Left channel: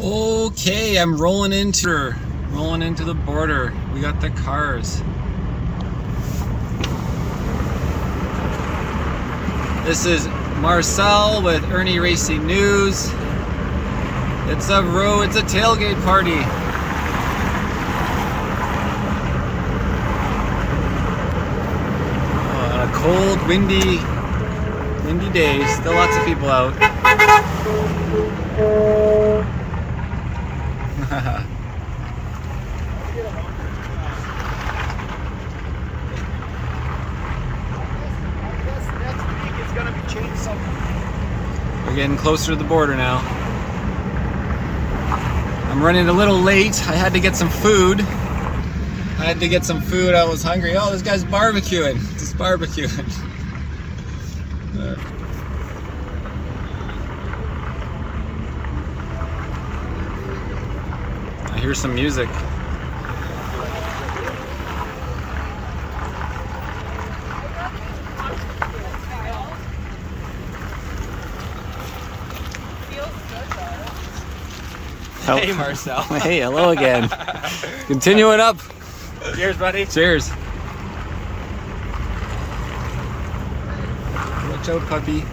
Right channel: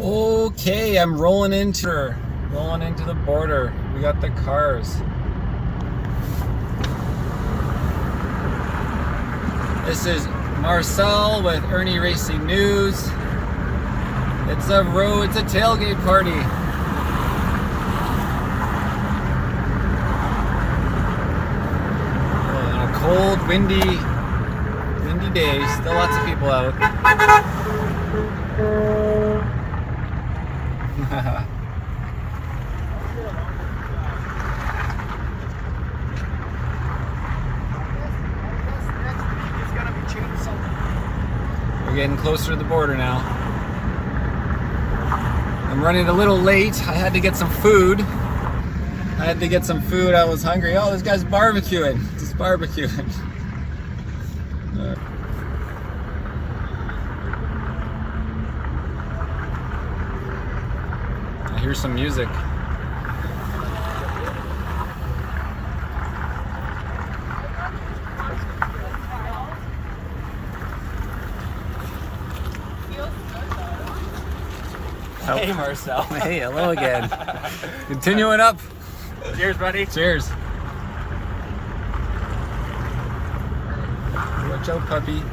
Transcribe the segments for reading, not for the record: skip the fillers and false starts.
Okay, I'm rolling into the border. We got the cars. This is Marcel with Irnieracing News. It's a tailgate party. Oh, on a cold, windy day. Still lots of people out. We're getting closer to the border now. I'm running a little late. I had to get some food. I was hungry. Oh, this guy's barbecuing. Just barbecuing. I hear some music. Hey Marcel. Hey, hello again. Continuing up. Cheers, buddy. Cheers. Watch out, puppy.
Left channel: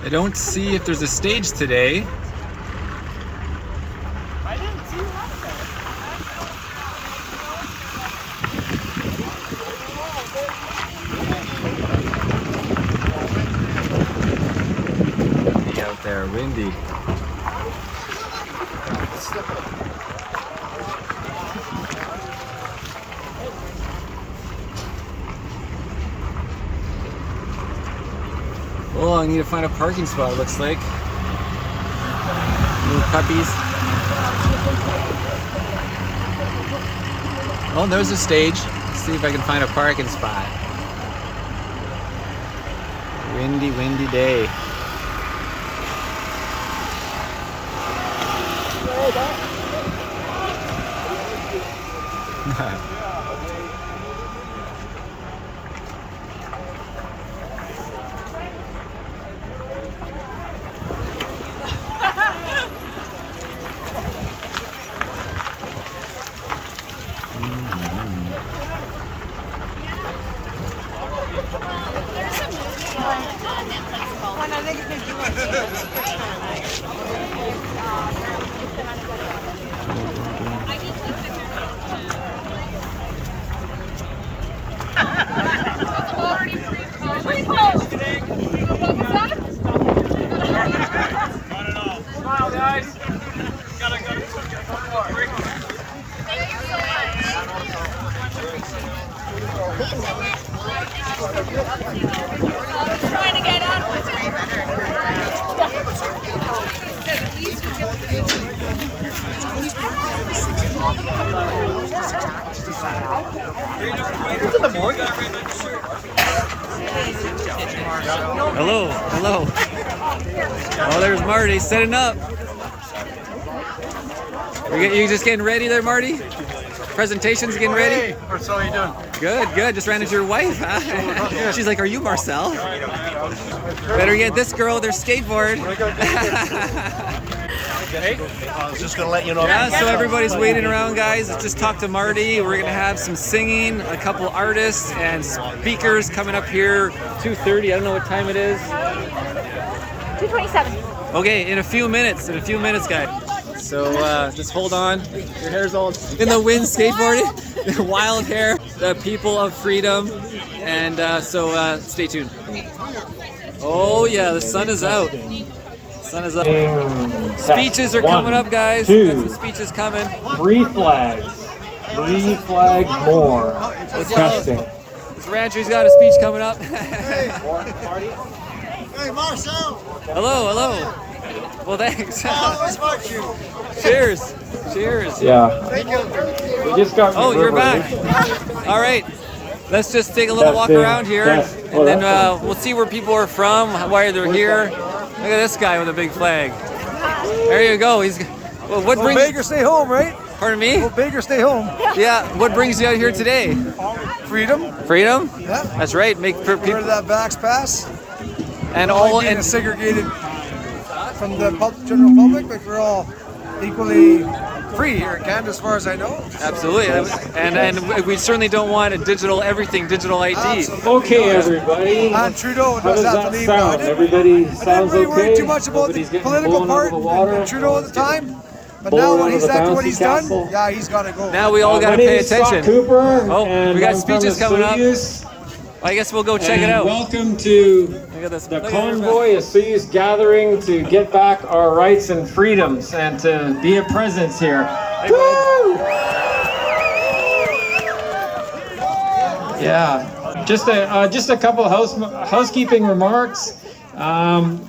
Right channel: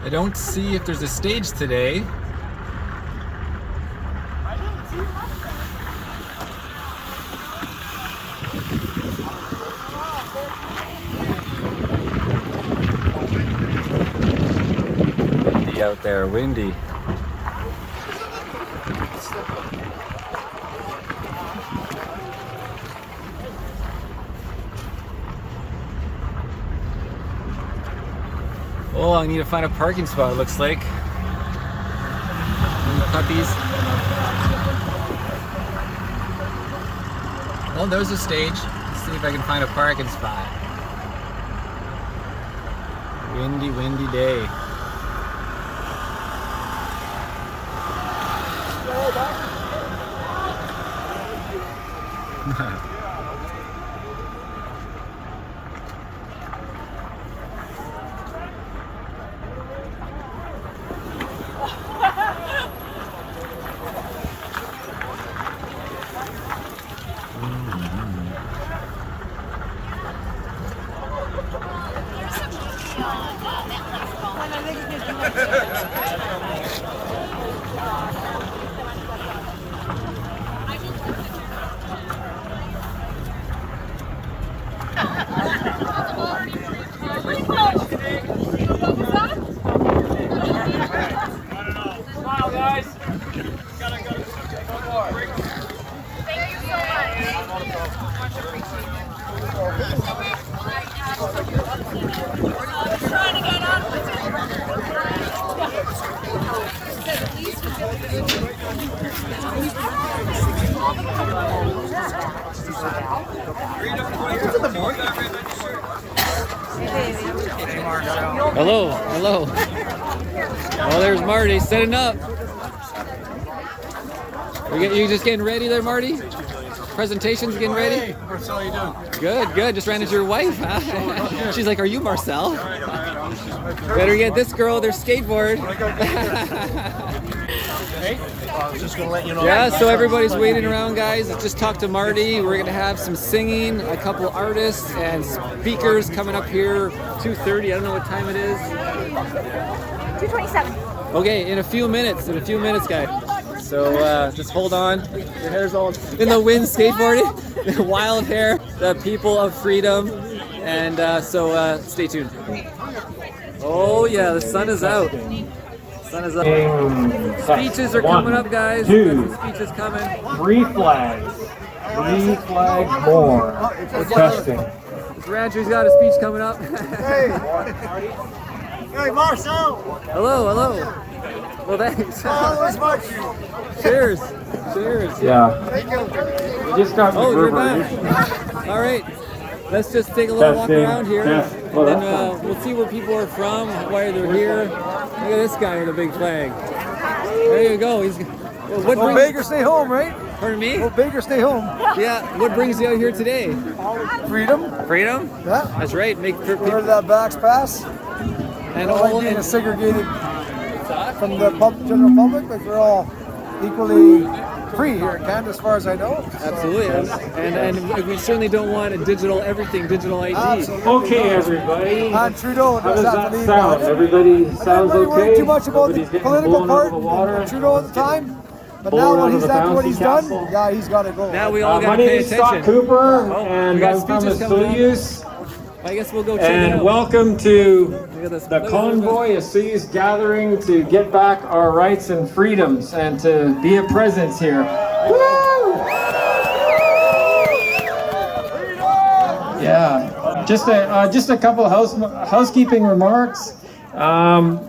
I don't see if there's a stage today. Windy out there, windy. Oh, I need to find a parking spot, looks like. Little puppies. Oh, there's a stage. Let's see if I can find a parking spot. Windy, windy day. Hello, hello. Oh, there's Marty setting up. You just getting ready there, Marty? Presentation's getting ready? Hey, Marcel, how you doing? Good, good. Just ran into your wife, huh? She's like, are you Marcel? Better get this girl with her skateboard. Hey, I was just going to let you know. Yeah, so everybody's waiting around, guys. Let's just talk to Marty. We're going to have some singing, a couple artists and speakers coming up here. 2:30, I don't know what time it is. 2:27. Okay, in a few minutes, guys. So just hold on. Your hair's all in the wind, skateboarding. Wild hair, the people of freedom. And so stay tuned. Oh yeah, the sun is out. Sun is up. Speeches are coming up, guys. Got some speeches coming. 3 flags. 3 flags more. Testing. This rancher's got a speech coming up. Hey, Marcel. Hello, hello. Well, thanks. I always watch you. Cheers. Cheers. Yeah. Thank you. We just got. Oh, you're back. All right. Let's just take a little walk around here, and then we'll see where people are from, why they're here. Look at this guy with a big flag. There you go. He's. Well, what Go brings? big or stay home, right? Pardon me? Go big or stay home. Yeah. What brings you out here today? Freedom. Freedom. Yeah. That's right. Make Get rid of that backs pass. and All all being and segregated from the general public. Like we're all equally free here in Canada, as far as I know. absolutely. And we certainly don't want a digital digital ID. Absolutely. Okay, not. everybody. And Trudeau does have to leave now. I didn't Everybody really worry too much about the Everybody's getting political blown part out of the water. and Trudeau at the time. But now Blown what out he's of a after what bouncy he's castle. done, yeah, he's got to go. Now we all got My to name pay is Scott attention. Cooper, Oh, and we got I'm from speeches coming up. Osoyoos. I guess we'll go check it And out. welcome to Look at this. the Look at Convoy Osoyoos gathering to get back our rights and freedoms and to be a presence here. Woo! Yeah, just a couple of housekeeping remarks.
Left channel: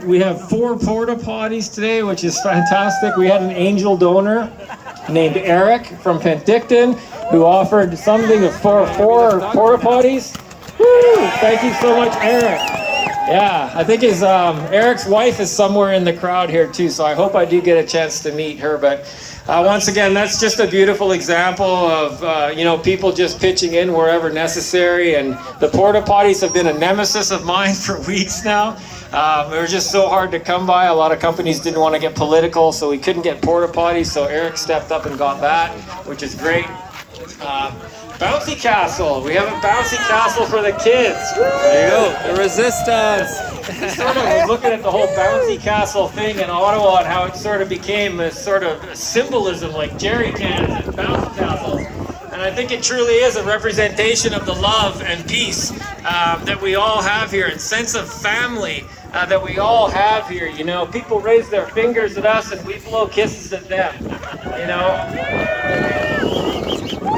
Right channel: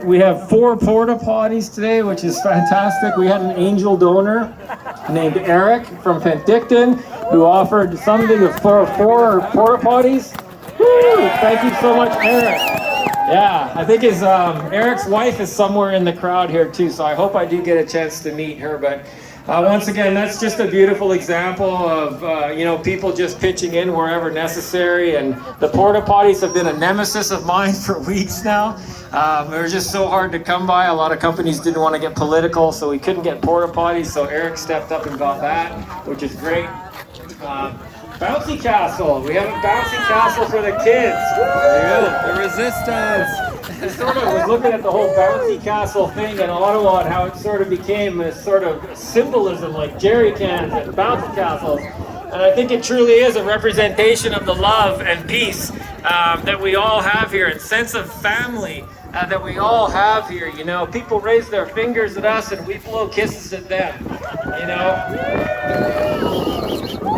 We have 4 porta potties today, which is fantastic. We had an angel donor named Eric from Penticton who offered something of 4 porta potties. Woo! Thank you so much, Eric. Yeah, I think Eric's wife is somewhere in the crowd here too, so I hope I do get a chance to meet her. But once again, that's just a beautiful example of people just pitching in wherever necessary. And the porta potties have been a nemesis of mine for weeks now. They were just so hard to come by. A lot of companies didn't want to get political, so we couldn't get porta potties. So Eric stepped up and got that, which is great. Bouncy castle. We have a bouncy castle for the kids. There you go. The resistance. I was looking at the whole bouncy castle thing in Ottawa and how it sort of became this sort of symbolism like jerry cans and bouncy castles. And I think it truly is a representation of the love and peace that we all have here, and sense of family that we all have here. You know, people raise their fingers at us and we blow kisses at them. You know,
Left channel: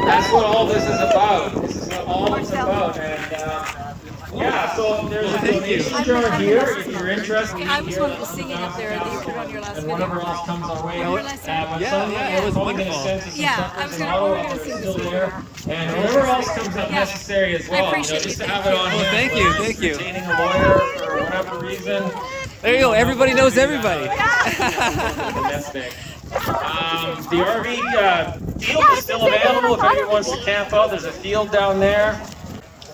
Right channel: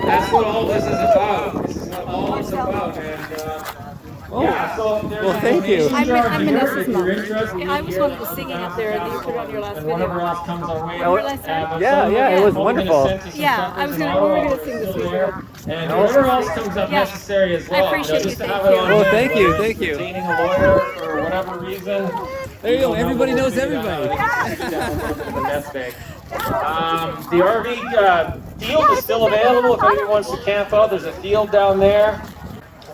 that's what all this is about. This is what all it's about. And yeah, so there's a donation jar here if you're interested. I was one who was singing up there that you put on your last And video. whatever else comes our way. Yeah, it was wonderful. Yeah, we were gonna sing this video. And whatever else comes up necessary as well. I appreciate Just you, to thank have it you. on Well, here thank you, for thank you. retaining a lawyer for whatever reason. There you go. Everybody knows everybody. Fantastic. The RV field is still available if anyone wants to camp out. There's a field down there.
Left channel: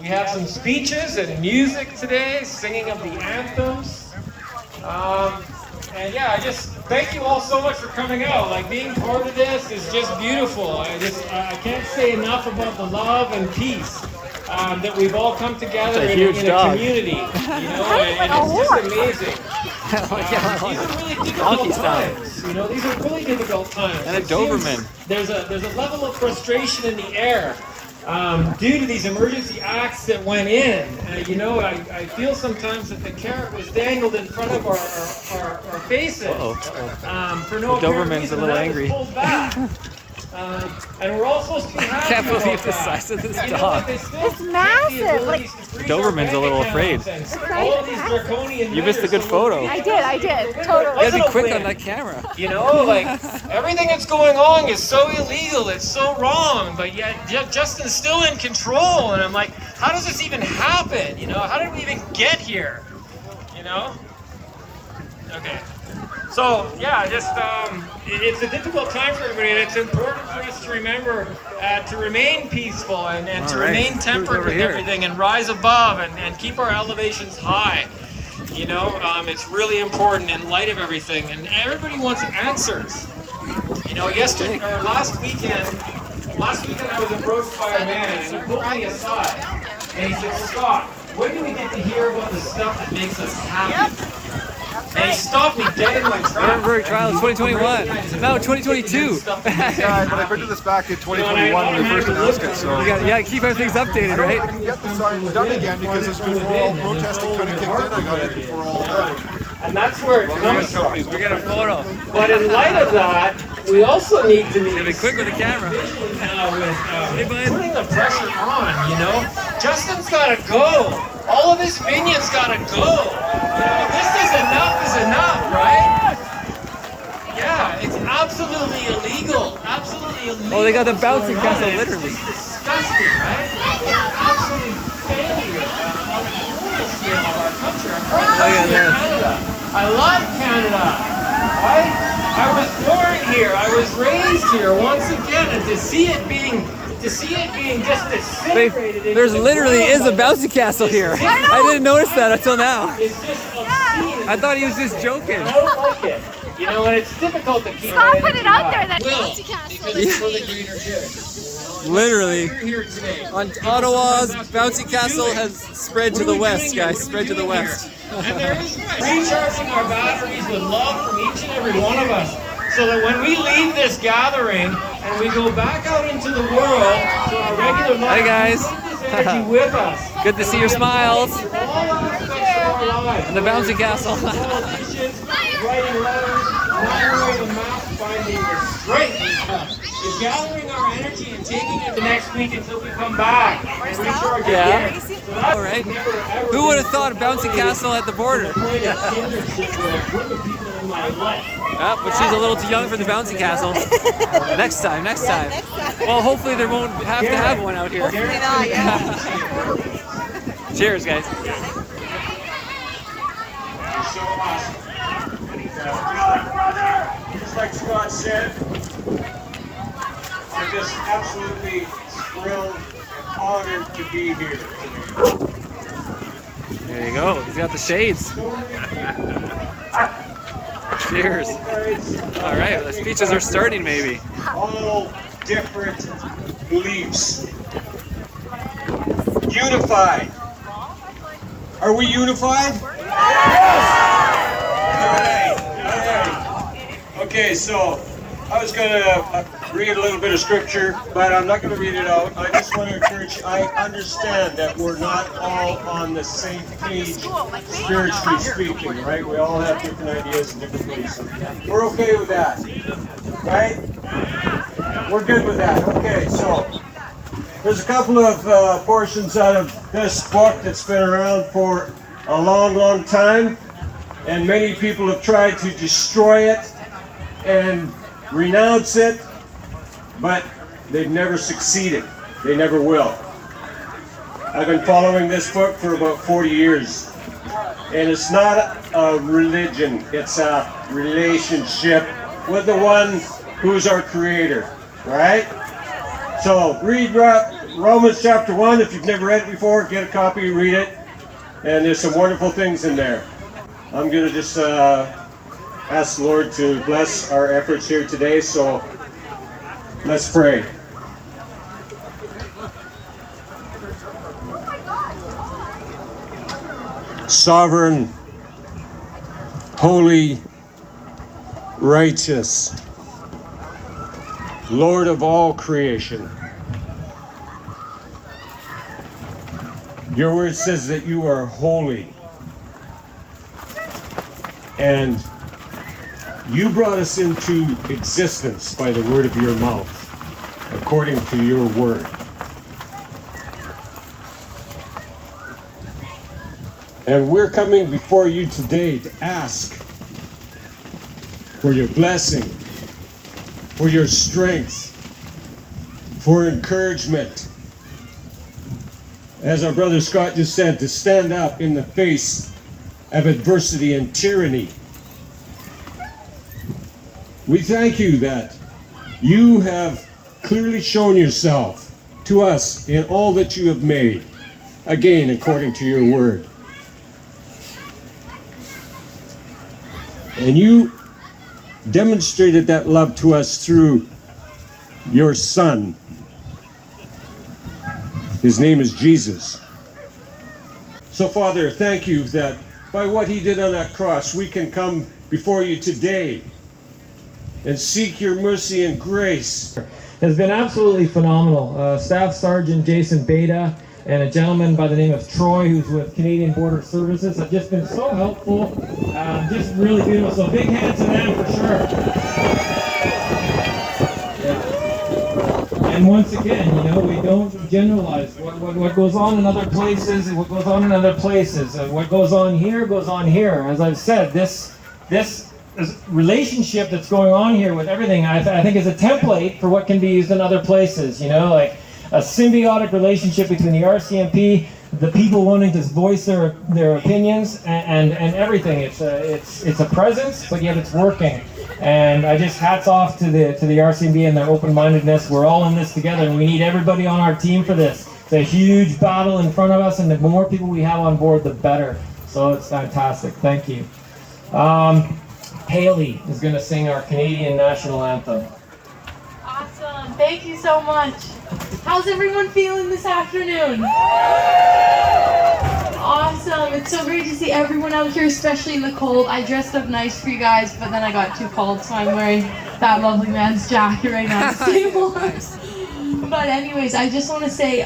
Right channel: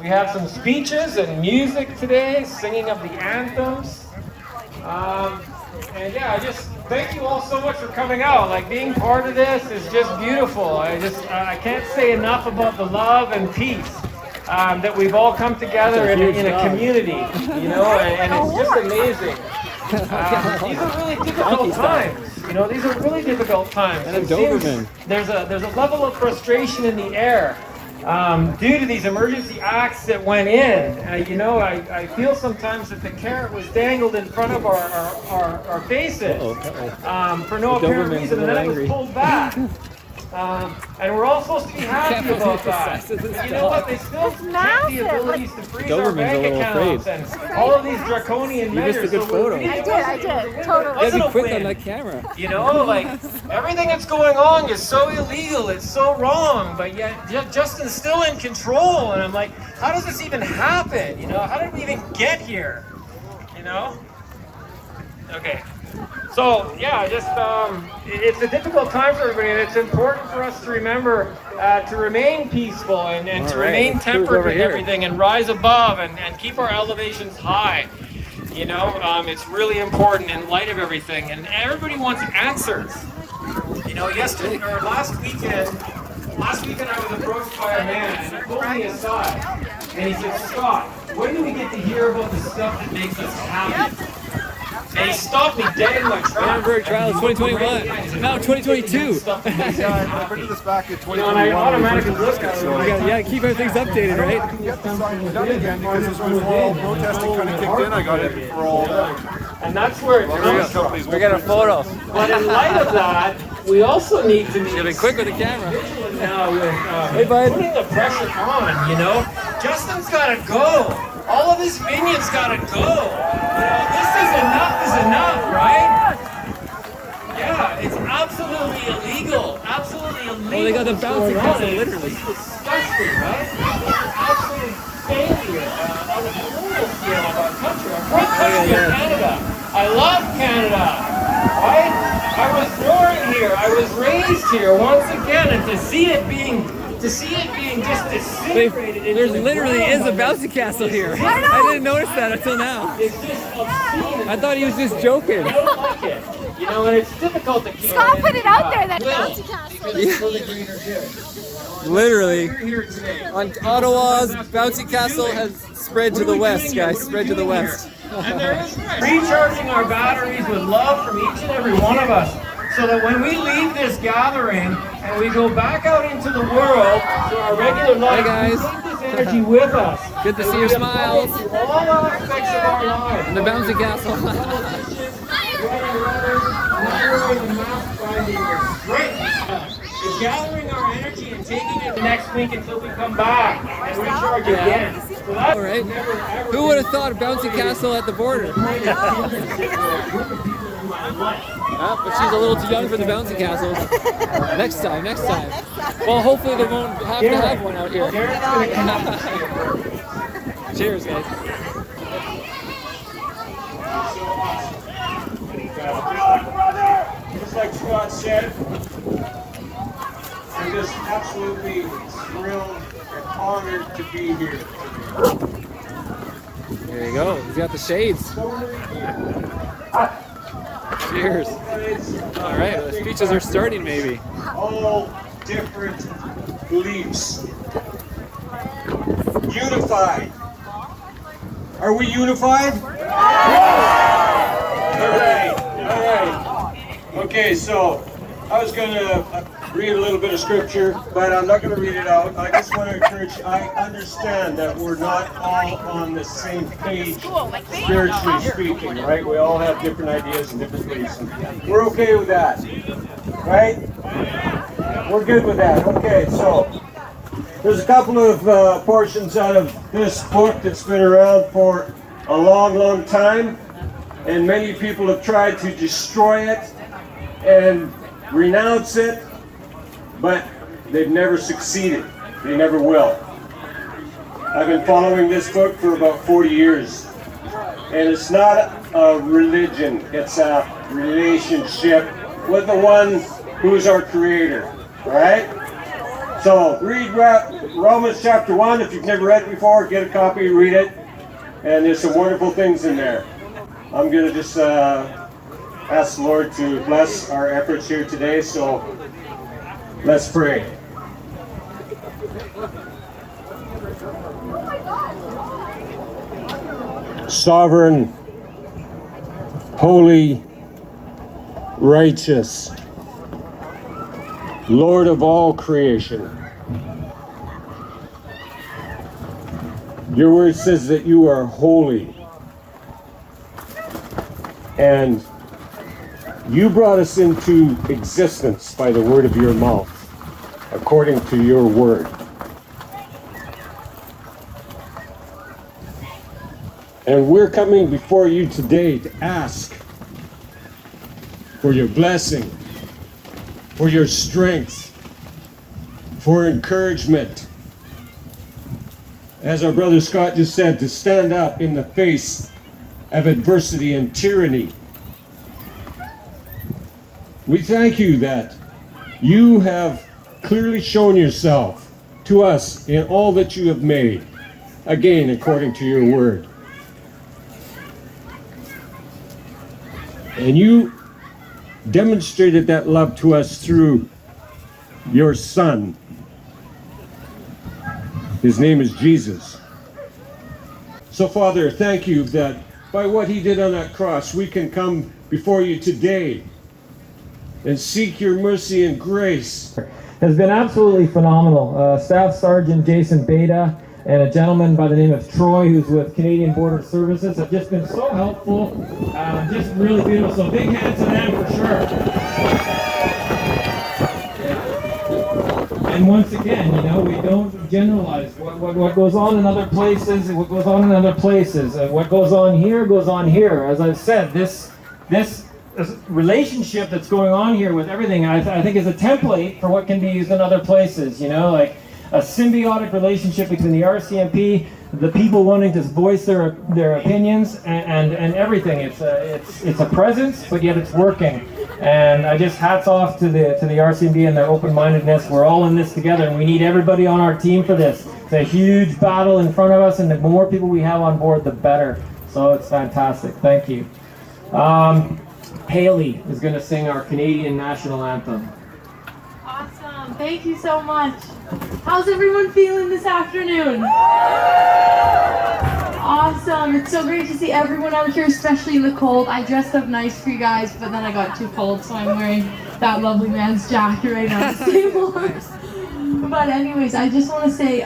We have some speeches and music today, singing of the anthems. And yeah, I just thank you all so much for coming out. Like, being part of this is just beautiful. I can't say enough about the love and peace that we've all come together That's a in huge a dog. community, you know, and it's just amazing. These are really difficult Donkey style. times. You know, these are really difficult times. And a It seems Doberman. There's a level of frustration in the air due to these emergency acts that went in. I feel sometimes that the carrot was dangled in front of our faces for no The apparent Doberman's reason, a little and that was angry. pulled back. And we're all supposed to be happy Can't about believe the that. size of this You know dog. what? They still take the abilities to freeze our Doberman's a bank little accounts afraid. and all of these draconian You missed a measures, good so photo. we're I did, totally. You gotta be quick on that camera. You know, like, everything that's going on is so illegal, it's so wrong, but yet Justin's still in control, and I'm like, how does this even happen? You know, how did we even get here? You know? Okay. So, yeah, just, it's a difficult time for everybody, and it's important for us to remember to remain peaceful and All to right, remain let's cruise tempered over with here. everything and rise above and keep our elevations high. You know, it's really important in light of everything, and everybody wants answers. You know, last weekend I was approached by a man, and he pulled me aside, and he said, "Scott, when do we get to hear about the stuff that makes us happy?" And he stopped me dead in my tracks. Nuremberg Trials 2021. Now 2022. But I printed this back in 2021 when we first announced it, so. You gotta keep everything's updated, right? I didn't get the sign done again because it was before all protesting kind of kicked in. I got it before all that. And that's where it comes from. We got a photo. But in light of that, we also need to Gotta be quick with the camera. vigilant now with Hey, bud. putting the pressure on, you know? Justin's gotta go. All of this minion's gotta go. You know, this is enough, right? Yeah, it's absolutely illegal. Absolutely illegal. Oh, they got the bouncing castle, literally. It's disgusting, right? Absolute failure. Look at this. Canada. I love Canada. Right? I was exist here once again, and to see it being just disintegrated. There's literally is a bouncy castle here. I didn't notice that until now. It's just obscene. I thought he was just joking. I don't like it. You know, and it's difficult to keep Stop putting it out there, that bouncy castle. Literally. On Ottawa's bouncy castle has spread to the west, guys. Spread to the west. Recharging our batteries with love from each and every one of us, so that when we leave this gathering and we go back out into the world to our regular life, Hi guys. we take this energy with us. Good to see your smiles. All aspects of our lives. And the bouncy castle. Politicians, writing letters, not wearing a mask, finding strength. It's gathering our energy and taking it the next week until we come back and recharge again. So that's All right. never, ever Who would have thought a bouncy castle at the border? in my life. But she's a little too young for the bouncy castle. Next time, next time. Well, hopefully they won't have to have one out here. Cheers, guys. So awesome. Just like Scott said, I'm just absolutely thrilled and honored to be here. There you go. He's got the shades. Cheers. All right, well, the speeches are starting maybe. All different beliefs. Unified. Are we unified? All right. Okay, so I was going to read a little bit of scripture, but I'm not going to read it out. I just want to encourage you. I understand that we're not all on the same page, spiritually speaking, right? We all have different ideas and different beliefs. And we're okay with that, right? We're good with that. Okay, so there's a couple of portions out of this book that's been around for a long, long time, and many people have tried to destroy it and renounce it, but they've never succeeded. They never will. I've been following this book for about 40 years, and it's not a religion, it's a relationship with the one who is our creator, right? So read Romans chapter 1. If you've never read it before, get a copy, read it, and there's some wonderful things in there. I'm going to just ask the Lord to bless our efforts here today, so let's pray. Sovereign, holy, righteous, Lord of all creation. Your word says that you are holy, and you brought us into existence by the word of your mouth, according to your word. And we're coming before you today to ask for your blessing, for your strength, for encouragement. As our brother Scott just said, to stand up in the face of adversity and tyranny. We thank you that you have clearly shown yourself to us in all that you have made, again, according to your word. And you demonstrated that love to us through your Son. His name is Jesus. So, Father, thank you that by what he did on that cross, we can come before you today and seek your mercy and grace. Has been absolutely phenomenal. Staff Sergeant Jason Beta and a gentleman by the name of Troy, who's with Canadian Border Services, have just been so helpful. Just really beautiful. So big hands to them for sure. And once again, you know, we don't generalize. What goes on in other places, what goes on in other places. What goes on here goes on here. As I've said, this relationship that's going on here with everything, I think is a template for what can be used in other places. You know, like a symbiotic relationship between the RCMP, the people wanting to voice their opinions, and everything. It's a presence, but yet it's working. And I just hats off to the RCB and their open-mindedness. We're all in this together, and we need everybody on our team for this. It's a huge battle in front of us, and the more people we have on board, the better. So it's fantastic. Thank you. Haley is going to sing our Canadian national anthem. Awesome. Thank you so much. How's everyone feeling this afternoon? Awesome. It's so great to see everyone out here, especially in the cold. I dressed up nice for you guys, but then I got too cold, so I'm wearing that lovely man's jacket right now. Nice. But anyways, I just want to say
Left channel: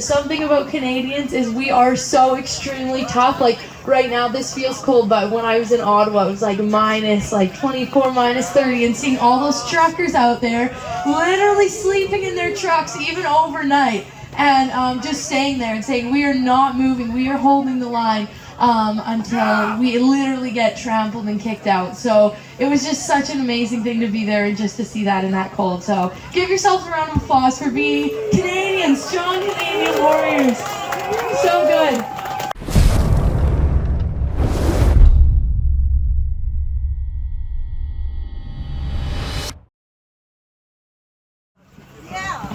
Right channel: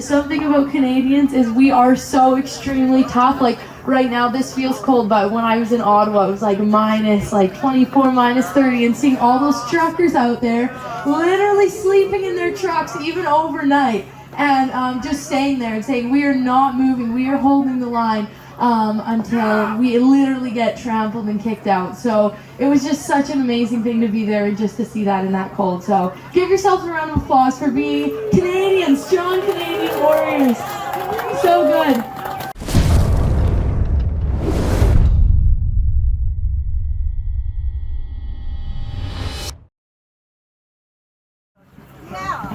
something about Canadians is we are so extremely tough. Like right now this feels cold, but when I was in Ottawa it was like minus 24, minus 30, and seeing all those truckers out there literally sleeping in their trucks even overnight, and just staying there and saying we are not moving, we are holding the line until we literally get trampled and kicked out. So it was just such an amazing thing to be there and just to see that in that cold. So give yourself a round of applause for being Canadians, strong Canadian warriors. So good.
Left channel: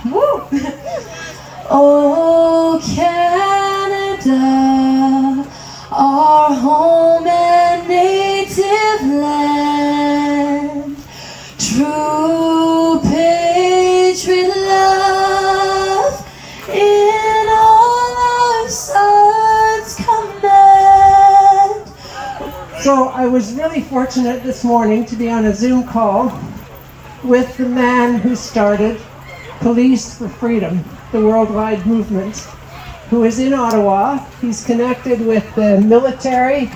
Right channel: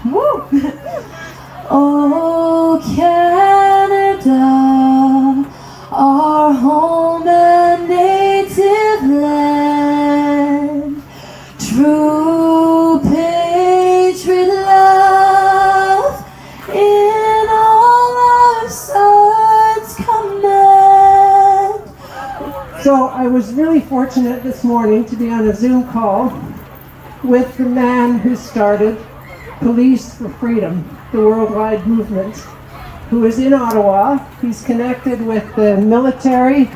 Woo! Oh, Canada, our home and native land, true patriot love in all our sons command. So I was really fortunate this morning to be on a Zoom call with the man who started Police for Freedom, the worldwide movement, who is in Ottawa. He's connected with the military,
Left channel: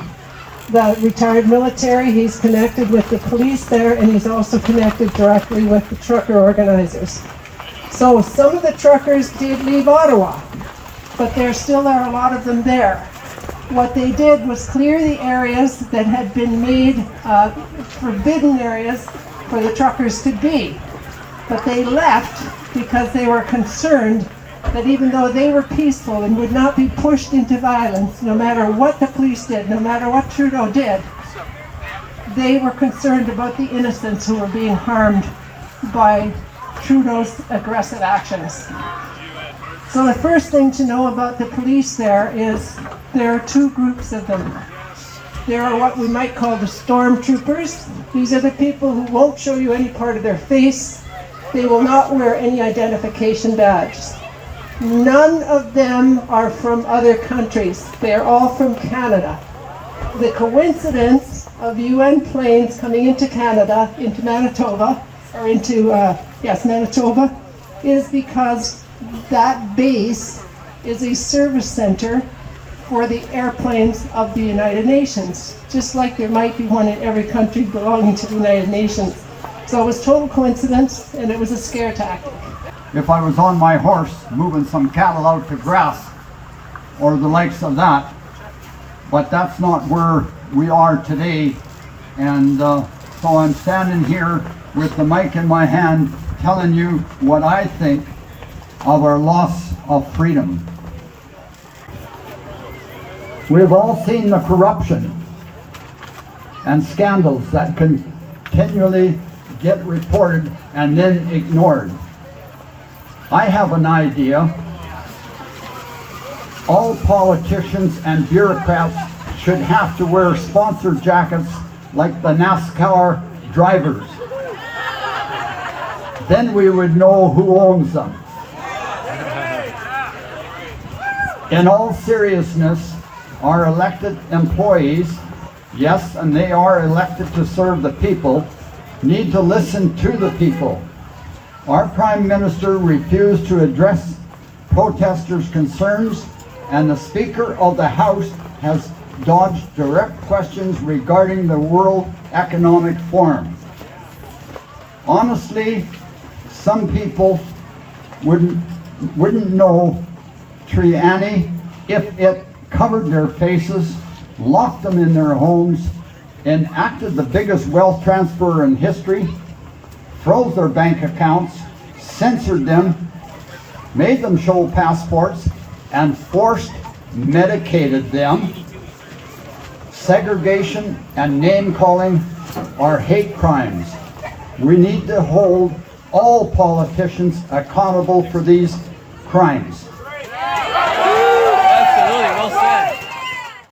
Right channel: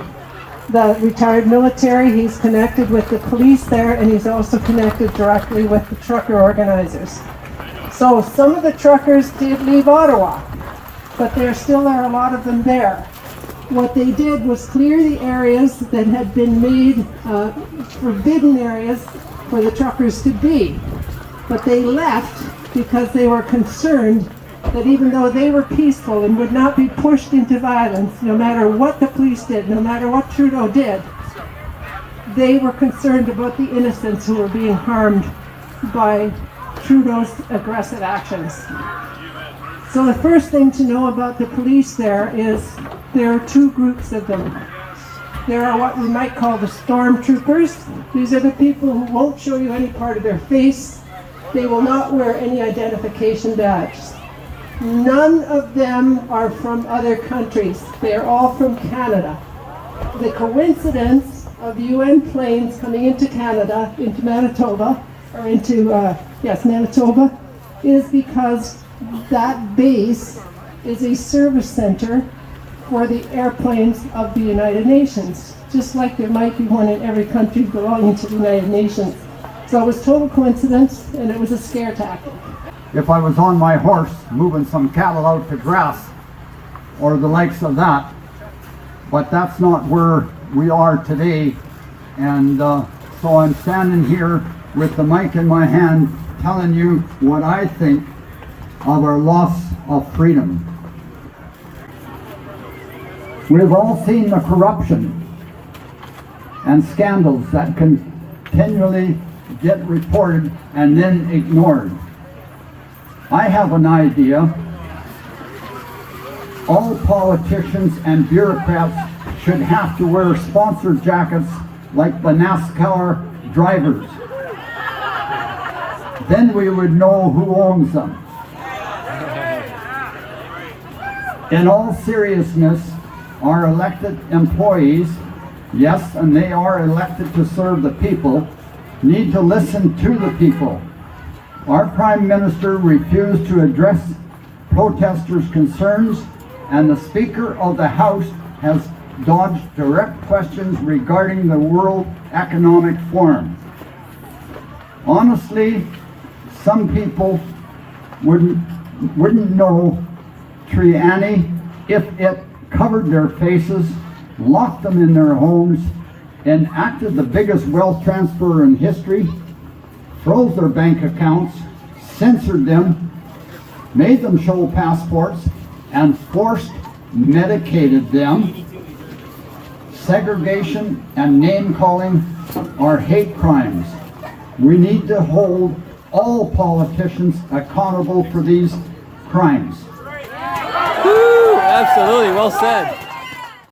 the retired military. He's connected with the police there, and he's also connected directly with the trucker organizers. So some of the truckers did leave Ottawa, but there still are a lot of them there. What they did was clear the areas that had been made forbidden areas for the truckers to be. But they left because they were concerned that even though they were peaceful and would not be pushed into violence, no matter what the police did, no matter what Trudeau did, they were concerned about the innocents who were being harmed by Trudeau's aggressive actions. So the first thing to know about the police there is there are two groups of them. There are what we might call the stormtroopers. These are the people who won't show you any part of their face. They will not wear any identification badges. None of them are from other countries. They are all from Canada. The coincidence of UN planes coming into Canada, into Manitoba, or into, Manitoba, is because that base is a service center for the airplanes of the United Nations, just like there might be one in every country belonging to the United Nations. So it was total coincidence, and it was a scare tactic. If I was on my horse moving some cattle out to grass or the likes of that, but that's not where we are today. And so I'm standing here with the mic in my hand telling you what I think of our loss of freedom. We've all seen the corruption and scandals that continually get reported and then ignored. I have an idea. All politicians and bureaucrats should have to wear sponsor jackets like the NASCAR drivers. Then we would know who owns them. In all seriousness, our elected employees, yes, and they are elected to serve the people, need to listen to the people. Our Prime Minister refused to address protesters' concerns, and the Speaker of the House has dodged direct questions regarding the World Economic Forum. Honestly, some people wouldn't know Triani if it covered their faces, locked them in their homes, enacted the biggest wealth transfer in history, froze their bank accounts, censored them, made them show passports, and forced medicated them. Segregation and name-calling are hate crimes. We need to hold all politicians accountable for these crimes. Absolutely, well said.